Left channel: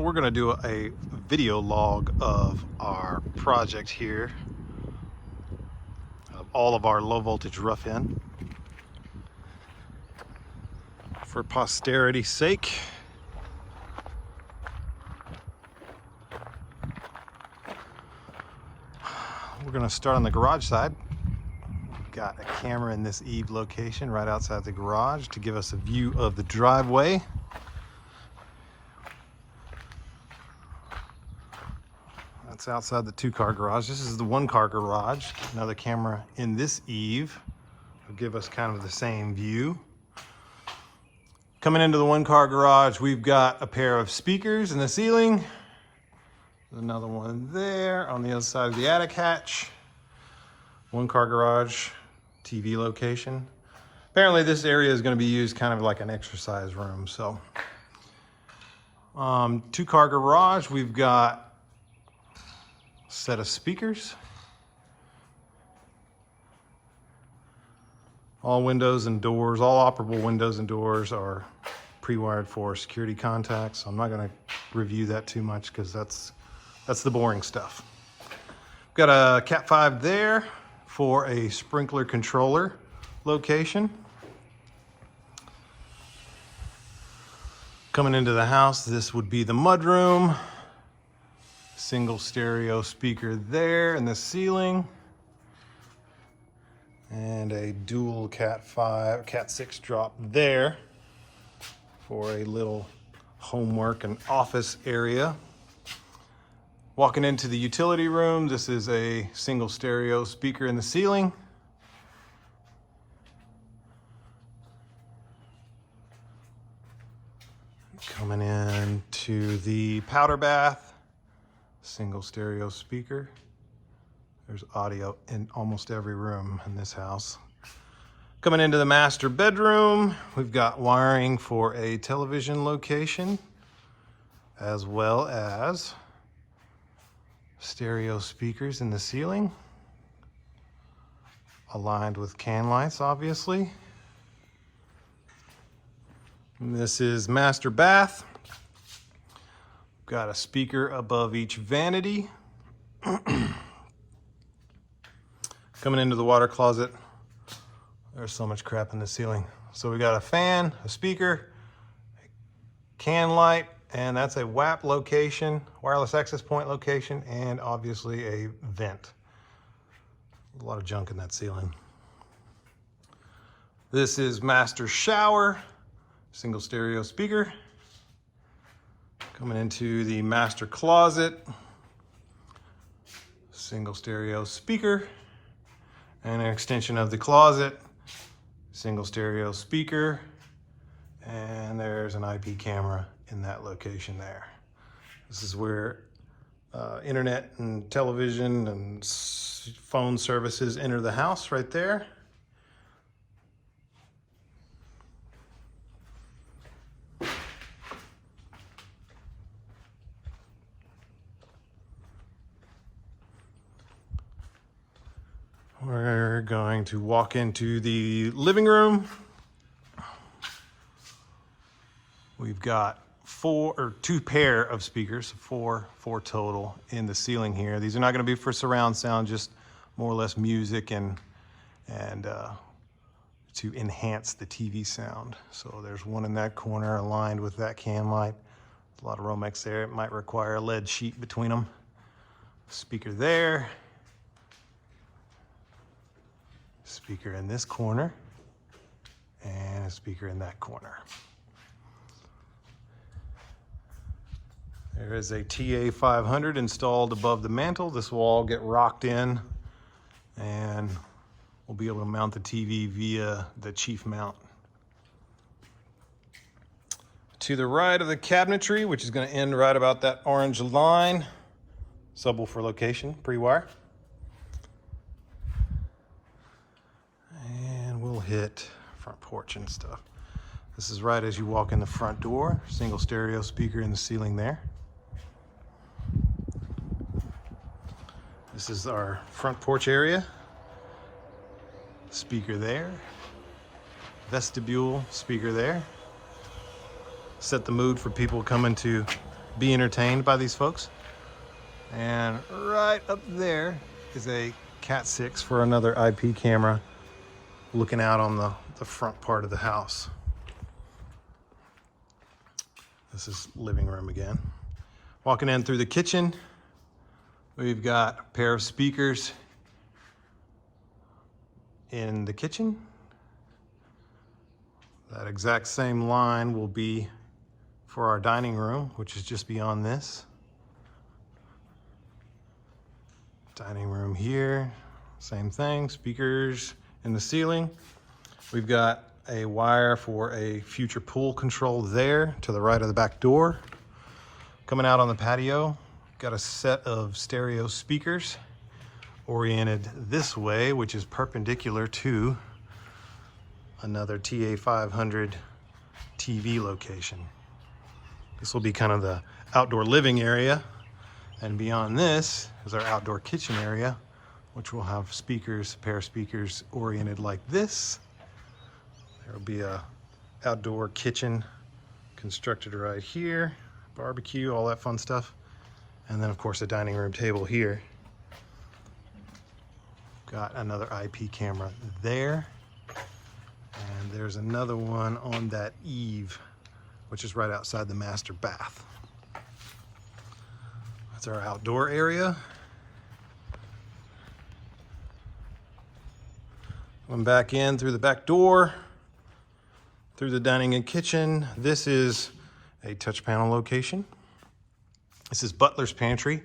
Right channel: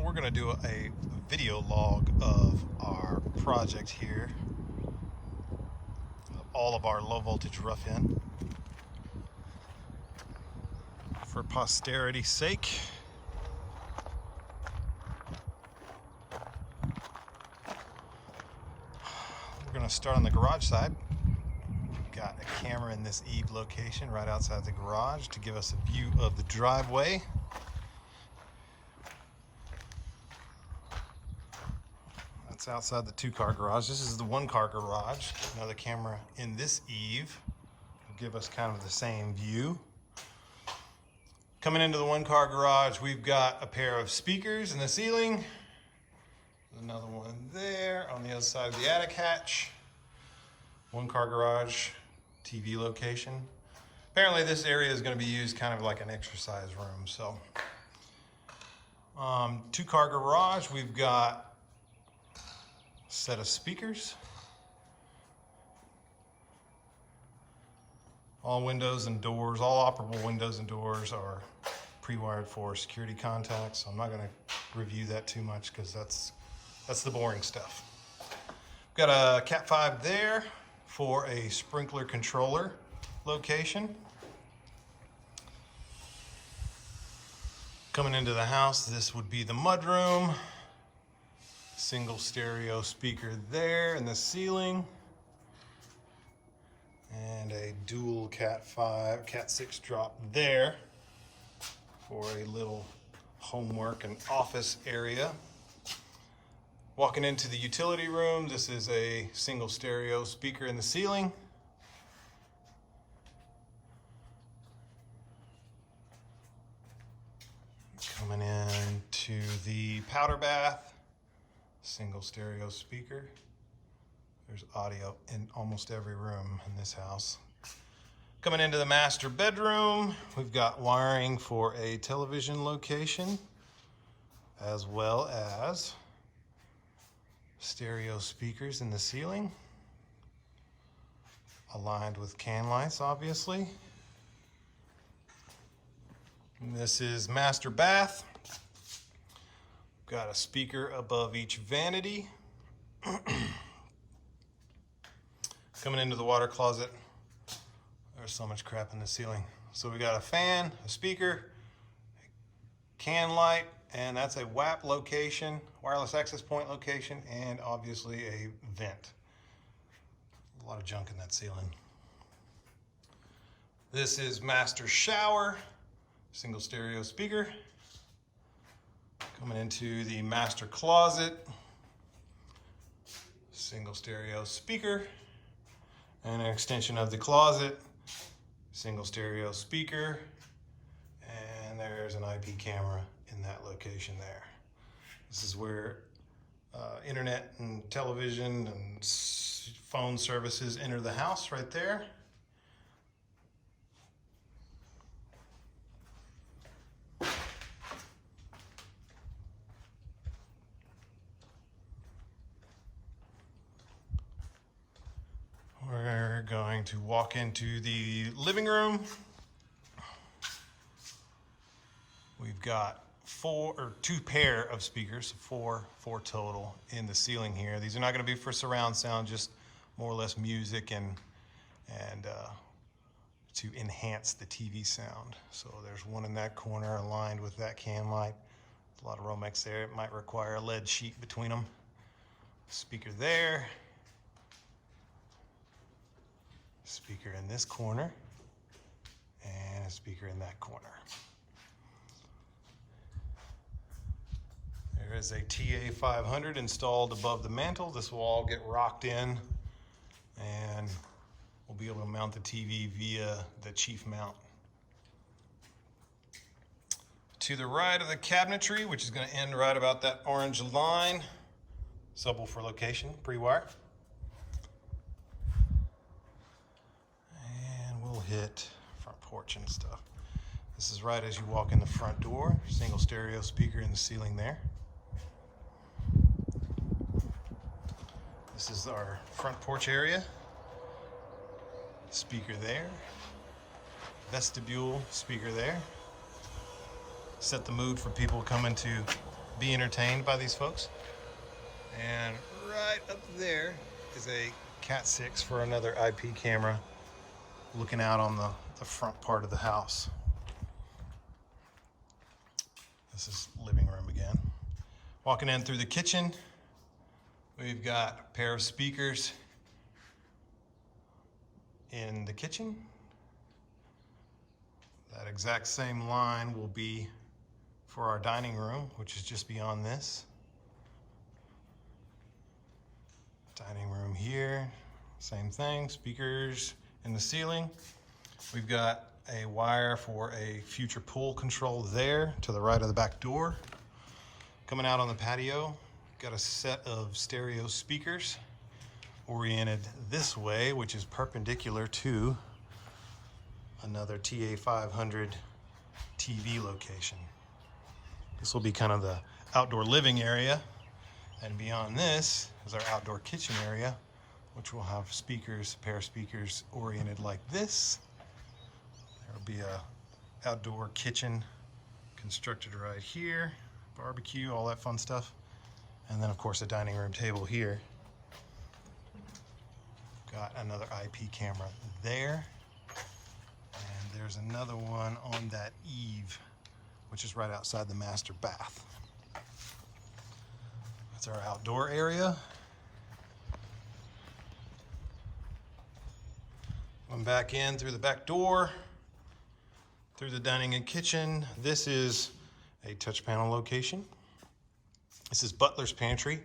We're going to do a video log of our project here, of all of our low voltage rough-in, for posterity's sake. We're going to start on the garage side. We've got a camera in this eave location right outside the garage to give us a view of the driveway. That's outside the 2-car garage. This is the 1-car garage. Another camera in this eave will give us kind of the same view. Coming into the 1-car garage, we've got a pair of speakers in the ceiling. There's another one there on the other side of the attic hatch. 1-car garage, TV location. Apparently this area is going to be used kind of like an exercise room. So 2-car garage, we've got set of speakers. All windows and doors, all operable windows and doors are pre-wired for security contacts. So I'm not going to review that too much because that's the boring stuff. Got a Cat 5 there for a sprinkler controller location. Coming into the house, this would be the mudroom. Single stereo speaker there in the ceiling, and a dual Cat 6 drop there for a little homework and office area. Walking into the utility room, this is a single stereo speaker in the ceiling. Coming in to the powder bath. Single stereo speaker. There's audio in almost every room in this house. Coming into the master bedroom, we've got wiring for a television location, as well as stereo speakers in the ceiling, aligned with can lights, obviously. And this is master bath. Got a speaker above each vanity. Coming into the water closet, there's so much crap in the ceiling. So we got a fan, a speaker, a can light, and that's a WAP location, wireless access point location, and obviously a vent. A lot of junk in that ceiling. This is master shower, single stereo speaker. Coming into the master closet, single stereo speaker, and an extension of the closet, single stereo speaker, and there's an IP camera in that location there. This is where internet and television and phone services enter the house right there. We're going to walk into the living room. We've got two pair of speakers, four total in the ceiling here. These are not going to be for surround sound, just more or less music and to enhance the TV sound. So there's one in that corner aligned with that can light. A lot of Romex there. It might require a lead sheet between them. Speaker there. Speaker in this corner, and a speaker in that corner. There is a TA 500 installed above the mantle. This will all get rocked in, and we'll be able to mount the TV via the chief mount. To the right of the cabinetry, which is going to end right about that orange line, subwoofer location, pre-wire. Hit front porch and stuff. This is right as you walk in the front door. Single stereo speaker in the ceiling there. This is our front porch area. Speaker there. Vestibule speaker there. Set the mood for people coming to be entertained by these folks. And right up there is a Cat 6 for another IP camera looking out on the front part of the house. This is living room again. Walking in through the kitchen, we've got a pair of speakers in the kitchen. That exact same line will be for our dining room, which is just beyond this. Dining room here, same thing, speakers in the ceiling. We've got a wire for a future pool control there to the right of the back door. Coming out on the patio, got a set of stereo speakers oriented this way, which is perpendicular to another TA500 TV location. This will be kind of the outdoor living area, and beyond this is our outdoor kitchen area, which will have speakers, a pair of speakers oriented like this. There will be a outdoor kitchen constructed right here, barbecue, all that fun stuff. And then of course a dining room table here. Got another IP camera there. And there's another one on that eave, which is right outside the master bath. That's our outdoor area. Going back in through the back door, through the dining and kitchen. This is a touch panel location. This is Butler's Pantry,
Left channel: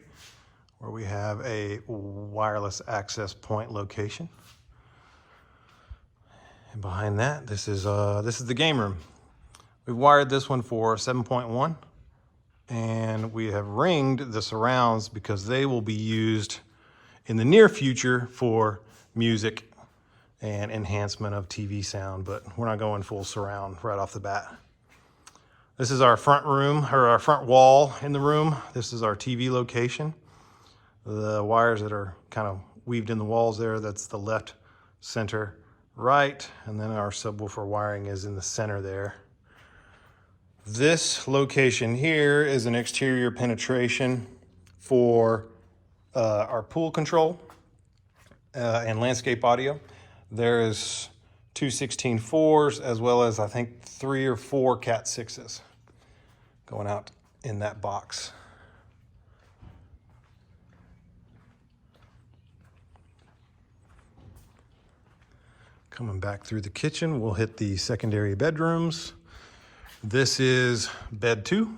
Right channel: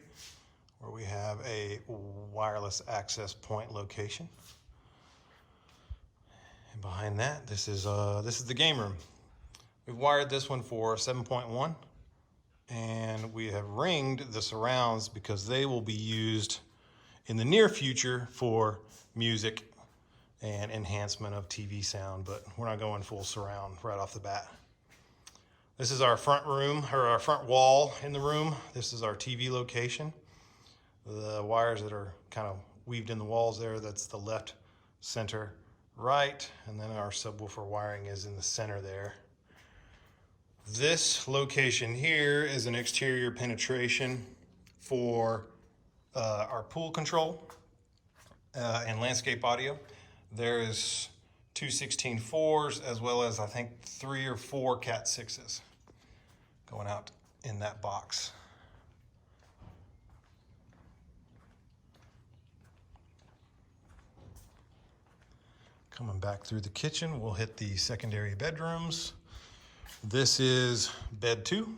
where we have a wireless access point location. And behind that, this is the game room. We've wired this one for 7.1, and we have ringed the surrounds because they will be used in the near future for music and enhancement of TV sound, but we're not going full surround right off the bat. This is our front room, or our front wall in the room. This is our TV location. The wires that are kind of weaved in the walls there, that's the left, center, right, and then our subwoofer wiring is in the center there. This location here is an exterior penetration for our pool control and landscape audio. There is two 16.4s as well as I think 3 or 4 Cat 6s going out in that box. Coming back through the kitchen, we'll hit the secondary bedrooms. This is bed 2.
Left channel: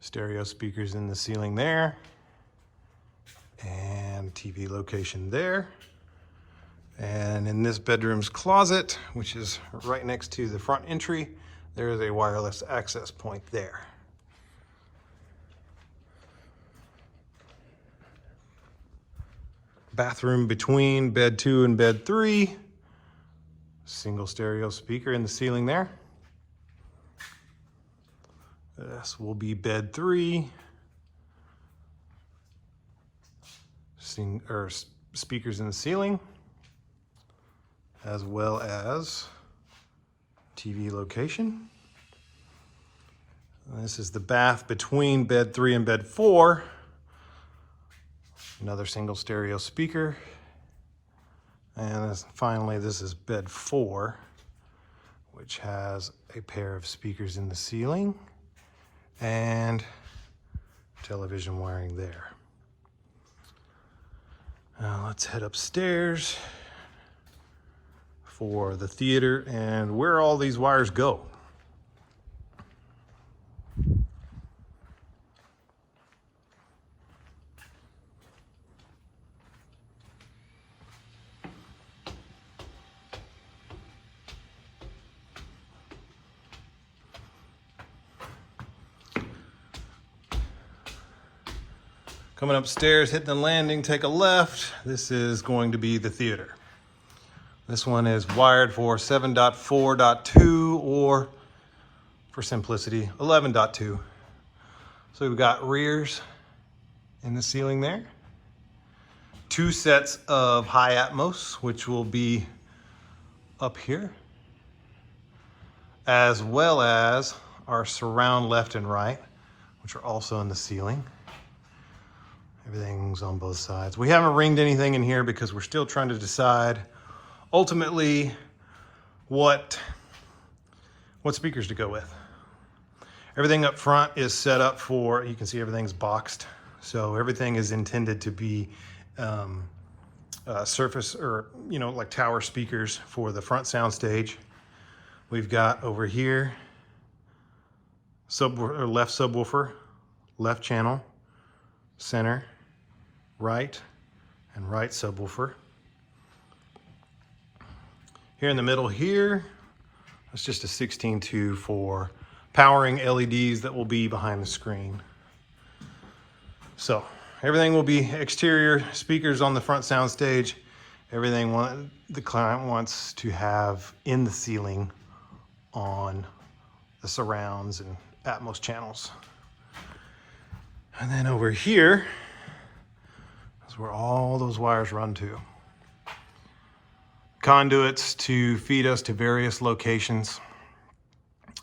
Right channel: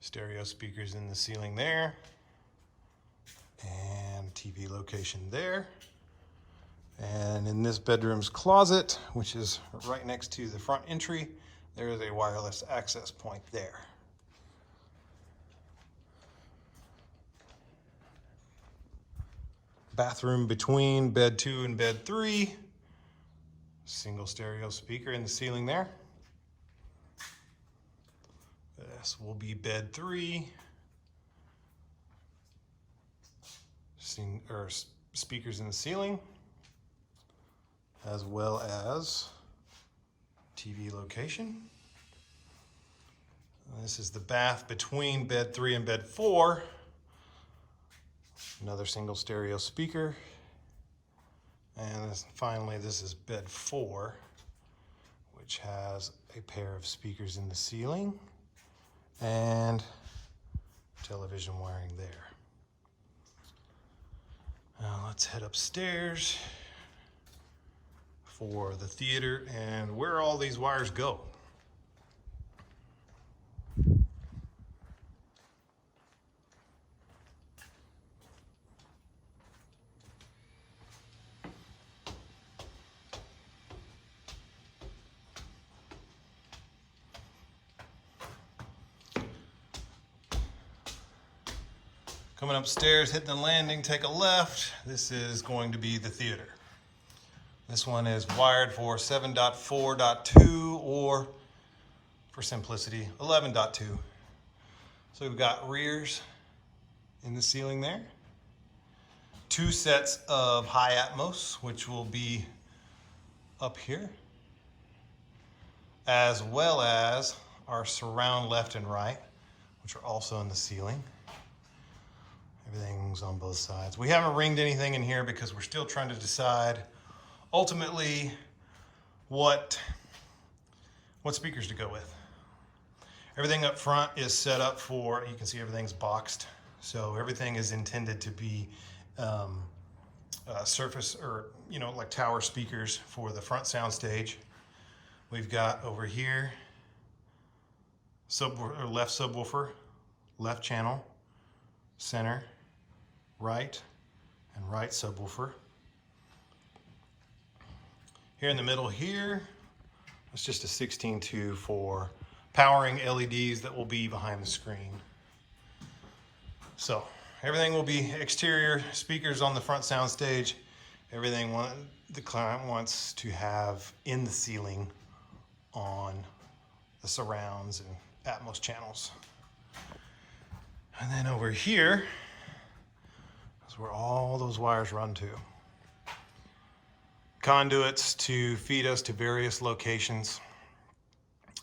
Stereo speakers in the ceiling there. And TV location there. And in this bedroom's closet, which is right next to the front entry, there is a wireless access point there. Bathroom between bed 2 and bed 3. Single stereo speaker in the ceiling there. This will be bed 3. Speakers in the ceiling, as well as TV location. This is the bath between bed 3 and bed 4. Another single stereo speaker. And finally, this is bed 4, which has a pair of speakers in the ceiling and television wiring there. Now let's head upstairs for the theater and where all these wires go. Coming upstairs, hitting the landing, take a left. This is going to be the theater. This one is wired for 7.4.2 or, for simplicity, 11.2. So we've got rears in the ceiling there. 2 sets of high Atmos, which will be up here, as well as our surround left and right, which are also in the ceiling. Everything's on both sides. We haven't ringed anything in here because we're still trying to decide ultimately what speakers to go with. Everything up front is set up for, you can see everything's boxed. So everything is intended to be surface or, like tower speakers for the front sound stage. We've got over here, left subwoofer, left channel, center, right, and right subwoofer. Here in the middle here, it's just a 16.2 for powering LEDs that will be behind the screen. So everything will be exterior speakers on the front sound stage. Everything the client wants to have in the ceiling on the surrounds and Atmos channels. And then over here is where all those wires run to. Conduits to feed us to various locations.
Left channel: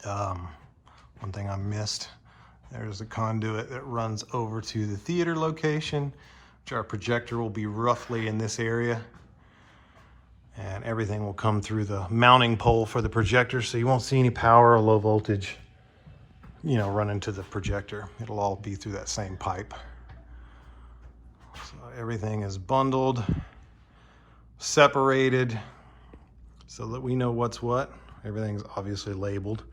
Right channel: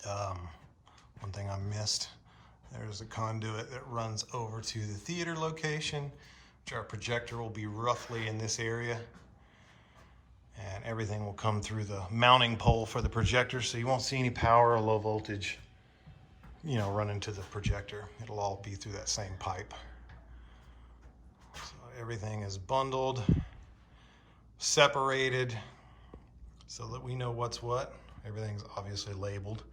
One thing I missed, there's a conduit that runs over to the theater location, which our projector will be roughly in this area. And everything will come through the mounting pole for the projector, so you won't see any power or low voltage, running to the projector. It'll all be through that same pipe. So everything is bundled, separated, so that we know what's what. Everything's obviously labeled.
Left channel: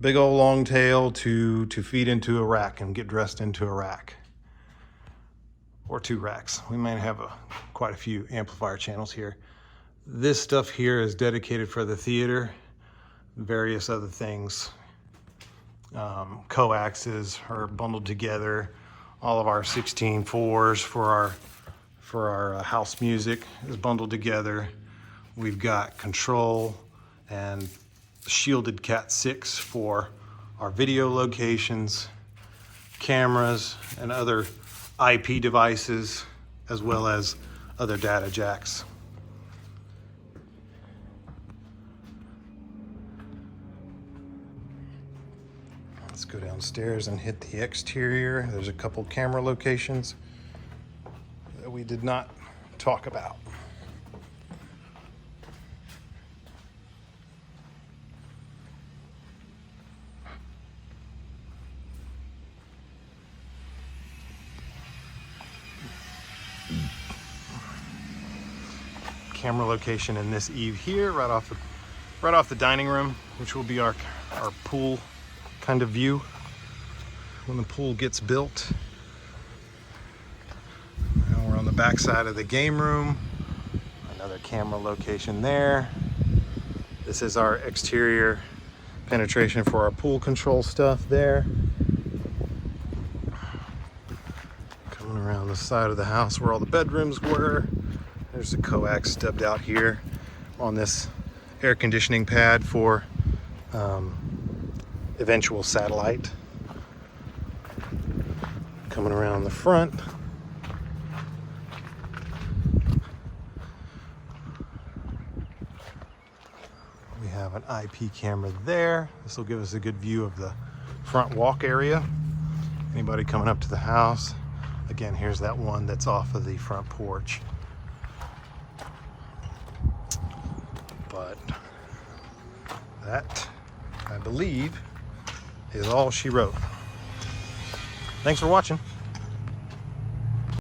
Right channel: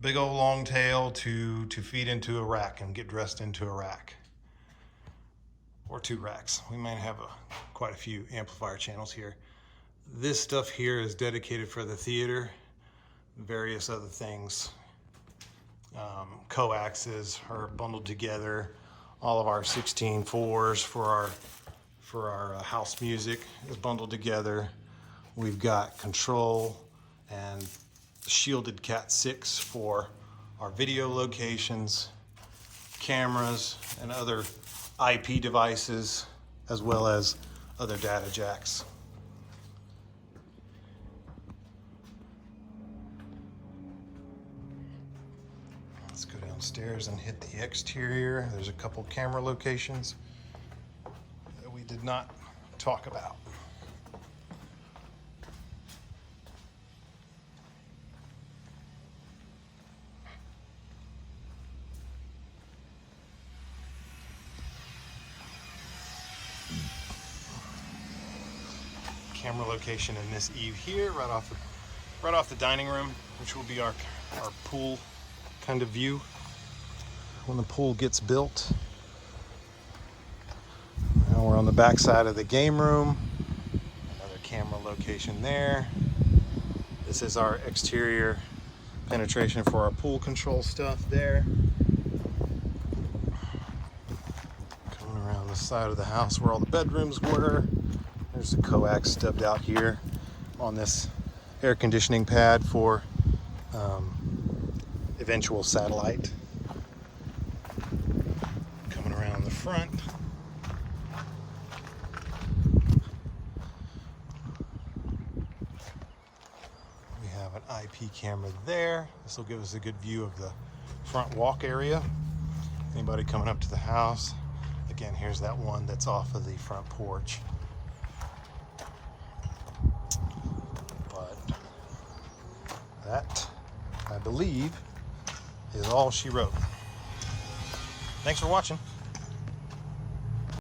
Big old long tail to feed into a rack and get dressed into a rack. Or 2 racks. We might have quite a few amplifier channels here. This stuff here is dedicated for the theater. Various other things. Coaxes are bundled together. All of our 16.4s for our house music is bundled together. We've got control and shielded Cat 6 for our video locations, cameras, and other IP devices, as well as other data jacks. Let's go downstairs and hit the exterior. There's a couple camera locations that we did not talk about. Camera location in this eave here, right off the dining room, which will be our pool kind of view when the pool gets built. Now we're on the back side of the game room. Another camera location there. This is our exterior penetration for our pool control stuff there. Coming around the side of the house where all the bedrooms were. There's a coax stubbed out here on this air conditioning pad for eventual satellite. Coming around the front. We have an IP camera there. This will give us a good view of the front walk area. Anybody coming up to the house. Again, here's that one that's off of the front porch. But that, I believe, is all she wrote. Thanks for watching.